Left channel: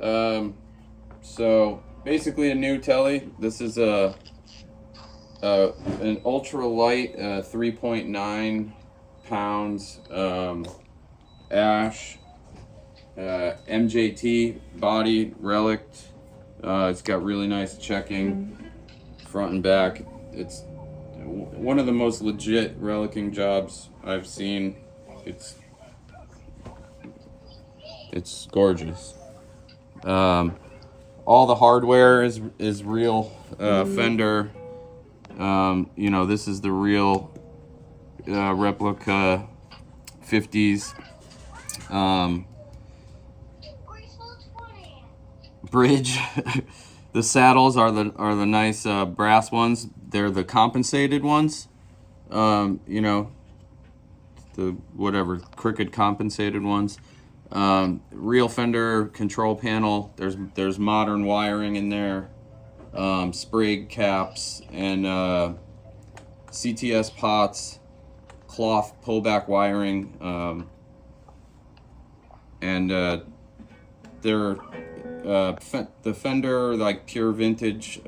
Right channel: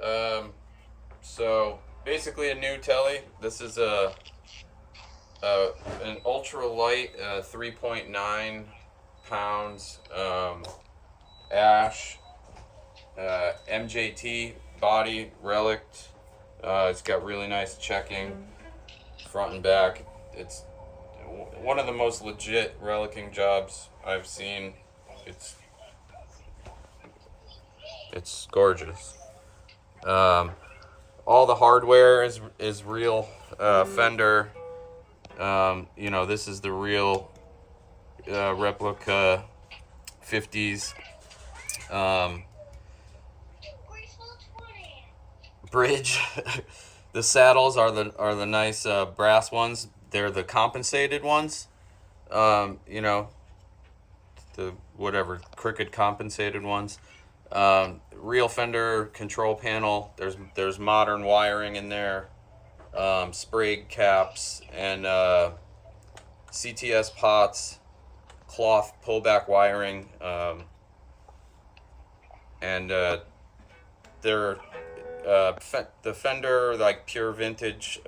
So basically a new Tele. This is an ultra light 3.9 pounds ash MJT body Relic. It's got really nice checking front and back. It's one of the most legit relicing jobs I've seen. It's it's gorgeous. All the hardware is real Fender. You know, this is the real replica 50s bridge. The saddles are the nice brass ones. They're the compensated ones. You know, the whatever crooked compensated ones. Real Fender control panel. There's modern wiring in there. Sprig caps and CTS pots, cloth pullback wiring, and they're the Fender like pure vintage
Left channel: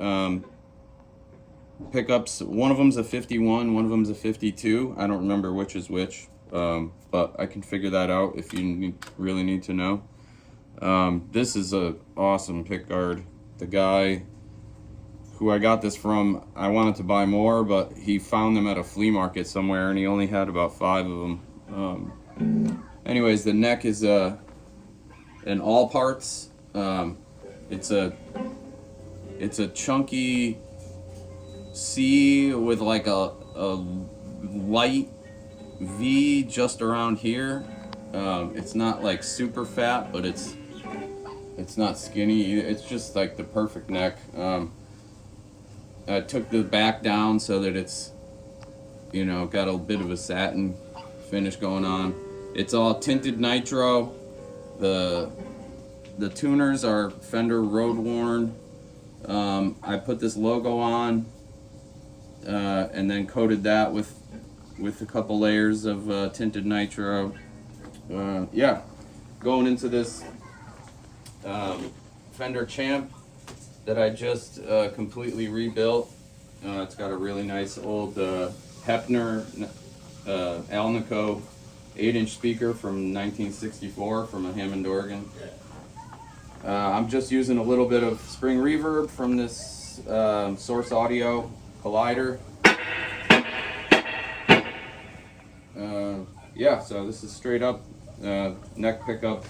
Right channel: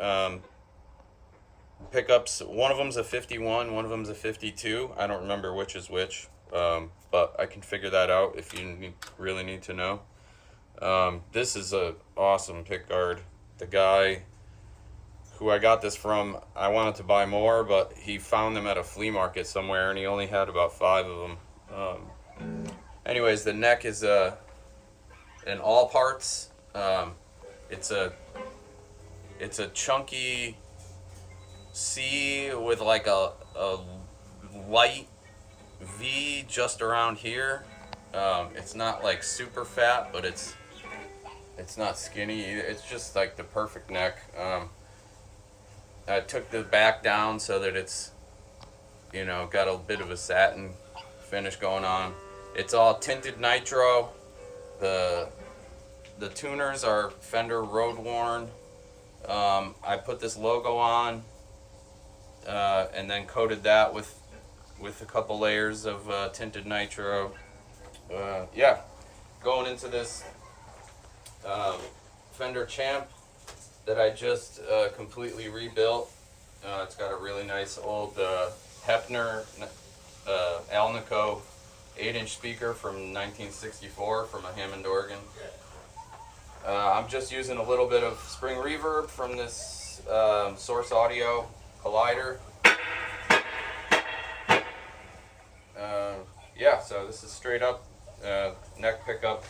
pickups. One of them's a 51, one of them's a 52. I don't remember which is which, but I can figure that out if you really need to know. This is a awesome pickguard. The guy who I got this from, I wanted to buy more, but he found them at a flea market somewhere, and he only had about 5 of them. Anyways, the neck is in all parts. It's a chunky C with like a light V just around here. It's not like super fat, but it's not skinny either. It's just like the perfect neck. I took the back down so that it's, you know, got a bit of a satin finish going on. It's all tinted Nitro. The tuners are Fender road worn. I put this logo on and then coated that with a couple layers of tinted Nitro. Yeah, going into this Fender Champ that I just completely rebuilt. It's got a really nice old Hefner Alnico 8-inch speaker from 1964 from a Hammond organ. I'm just using a little bit of spring reverb from this Source Audio collider. Yeah, so this is straight up neck pickup.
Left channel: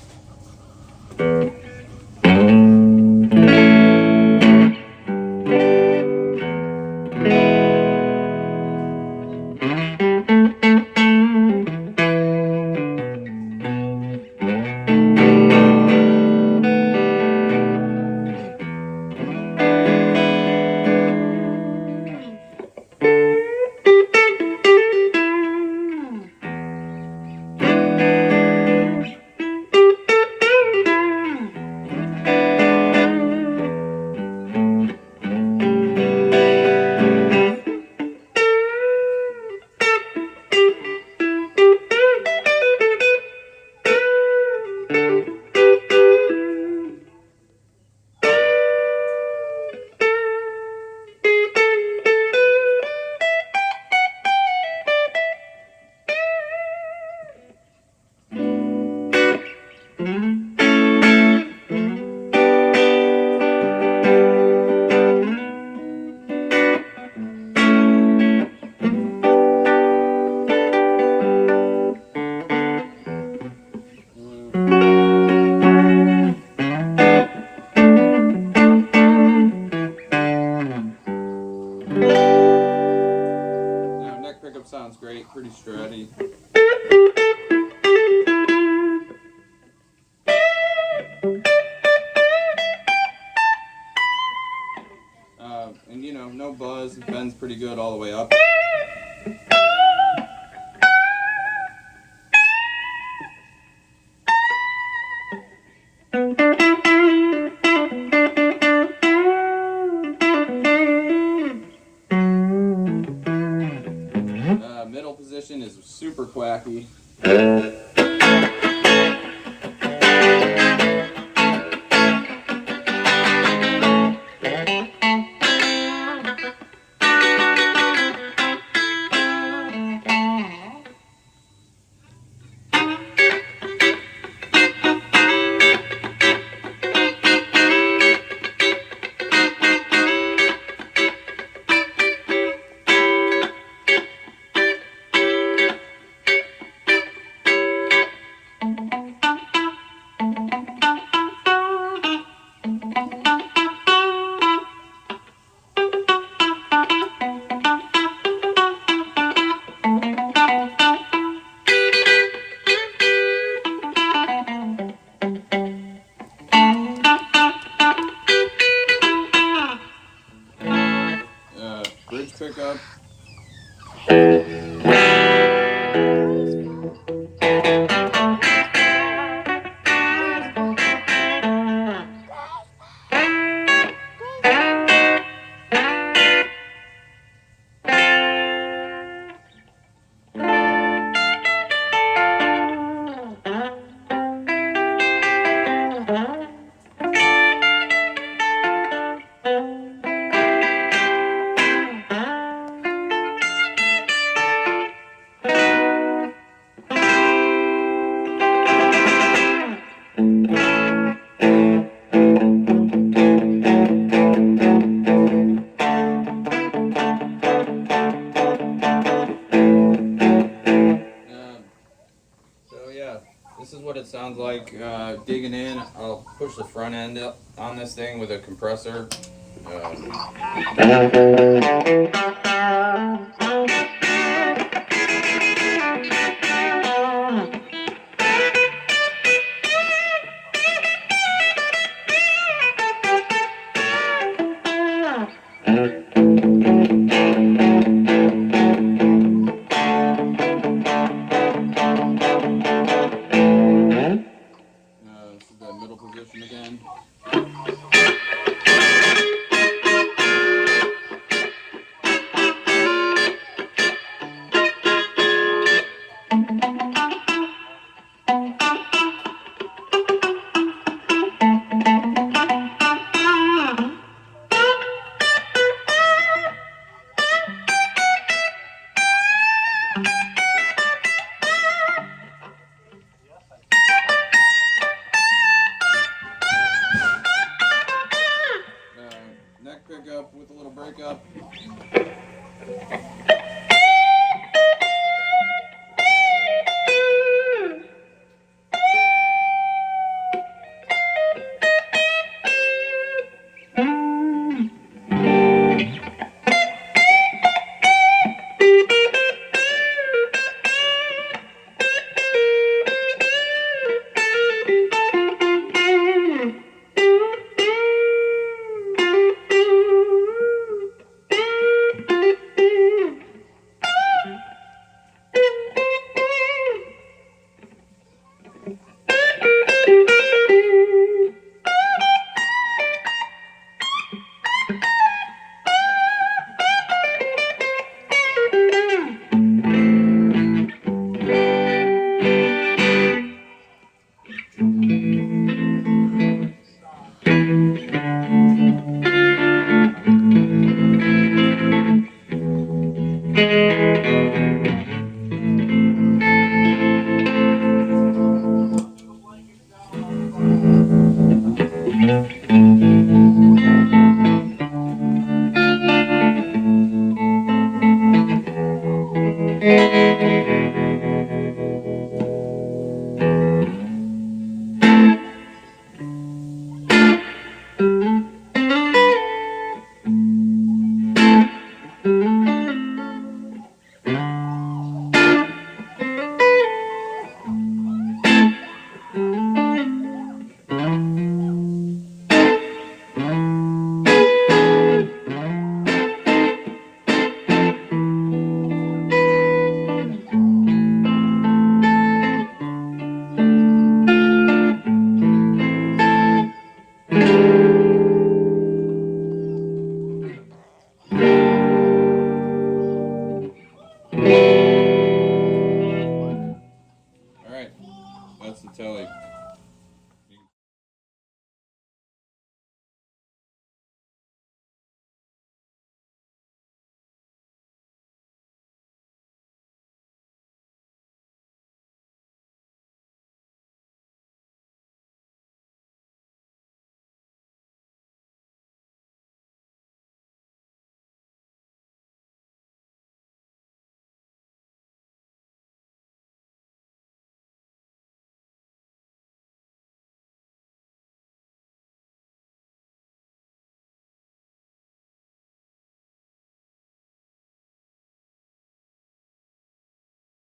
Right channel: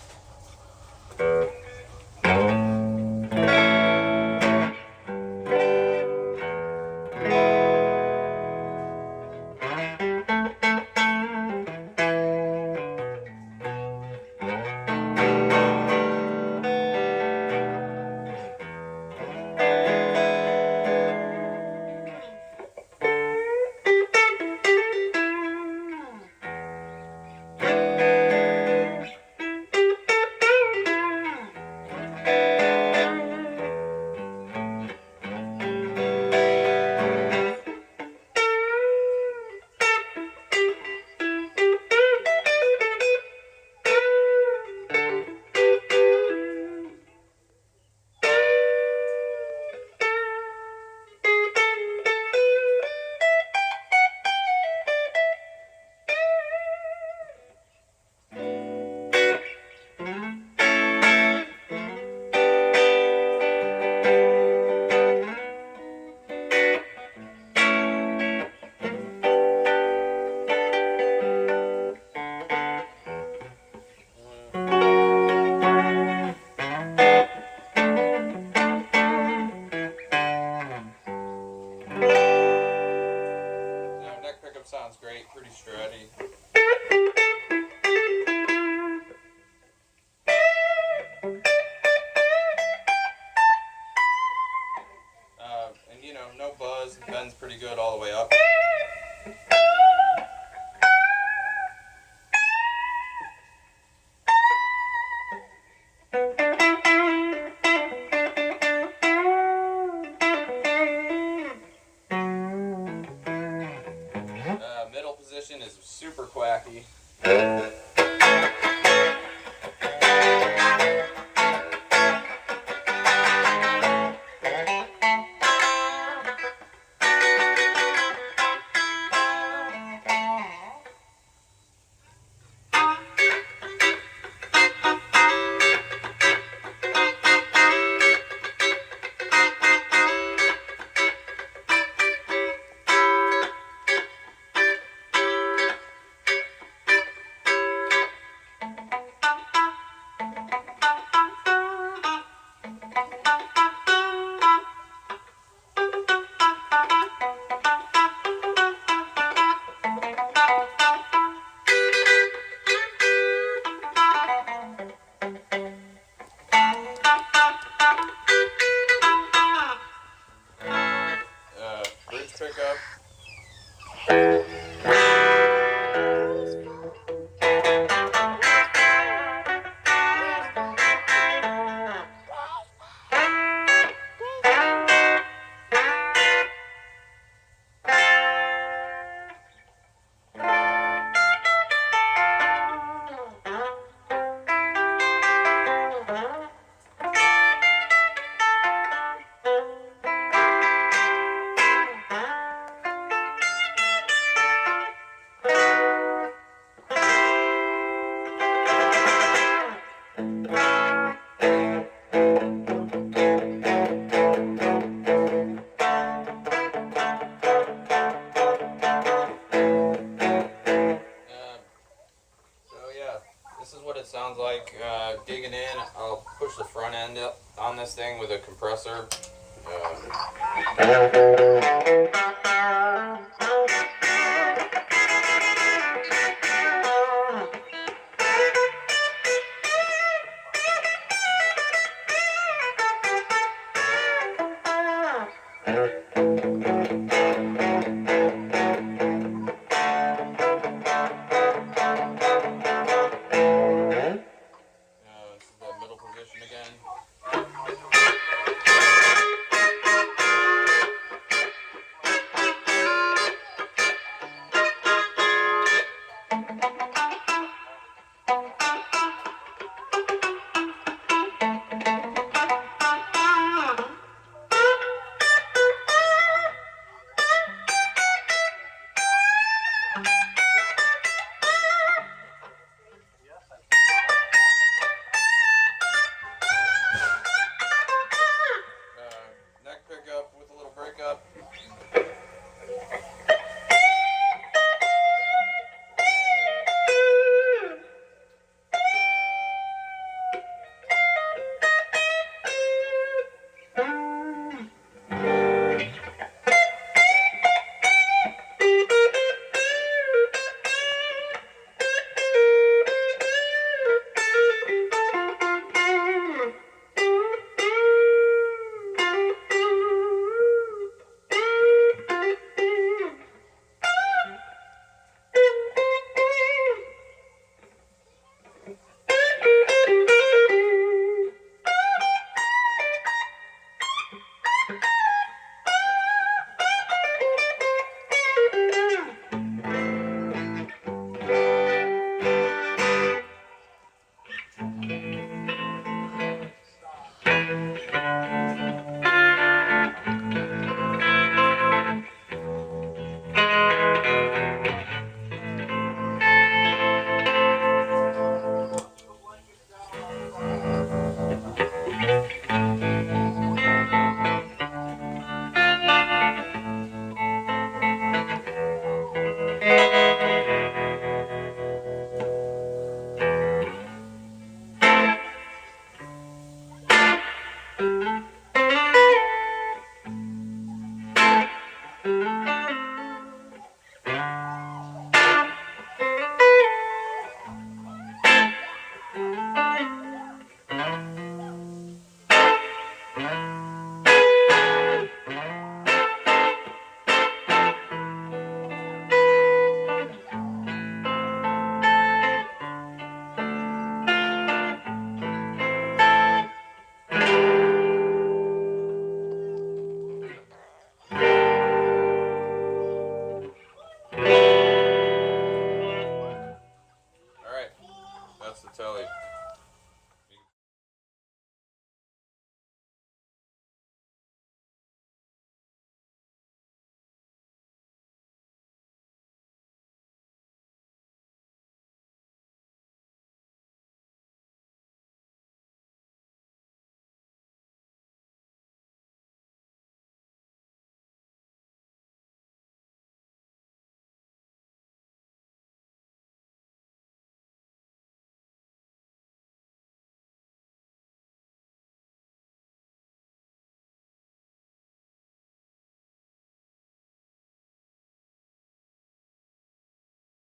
Sounds great, pretty stratty. And you know, no buzz, bends pretty good all the way up. Middle position is super quacky. sounds like digging in. I'll push the front end up on this thing with a compressor. This is the middle position again. Neck pickup with a little breakup. Alright, that's the Tele.